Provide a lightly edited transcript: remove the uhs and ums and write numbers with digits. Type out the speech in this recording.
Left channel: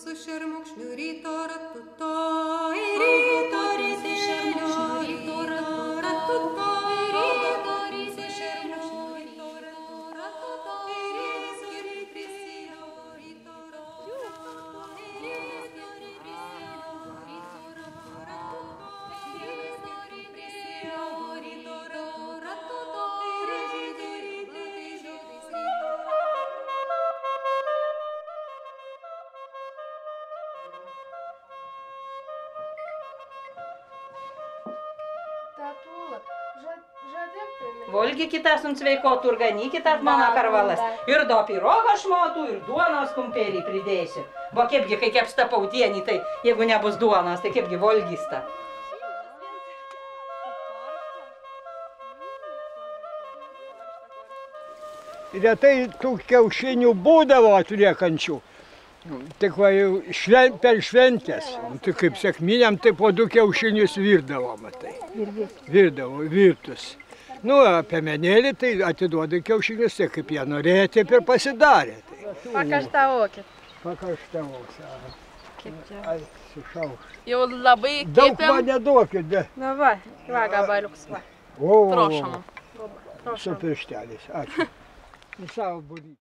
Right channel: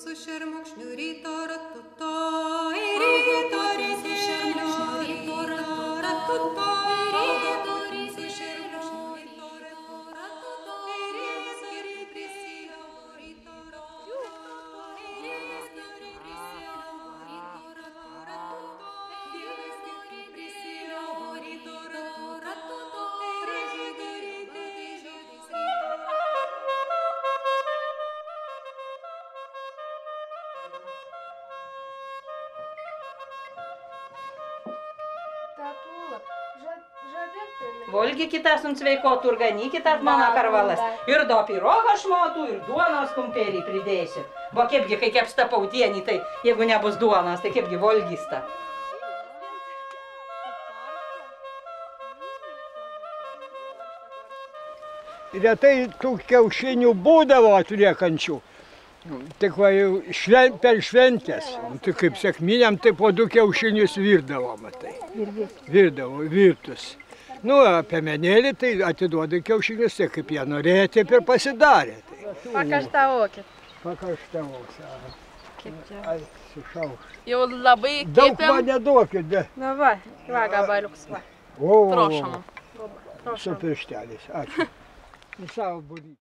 su šermukšniu ryto ratuto, ryto su šermukšniu ryto ratuto, ryto su šermukšniu ryto ratuto, ryto Valgykite ant sveikotų ir ganykite mano karvalas. Ir do pirogą šmotų, ir duonos kumpelį pridėsiu. Va kaipgi, kai kepsta pautienį, tai jeigu nebus duonos, tai kaipgi valgysta. Retai tų kiaušinių būdavo atliekančių. Tik va jau per šventės. Tai kaip sekminiam, tai po 2 kiaušinius virdavo, matai. Virdavo, virtus. Nu, piemenėlį tai atiduoda kiaušinius, tai kaip jie norėjo, taip ir pasidarė. Pakaštavokit. Pakaštavos. Ai, sušauks. Jau labai kepėm. Daug man neduokit, be. Na va, gabaliuks va. O, Prošom. su piršteliais, ačiū. Į savo būrį.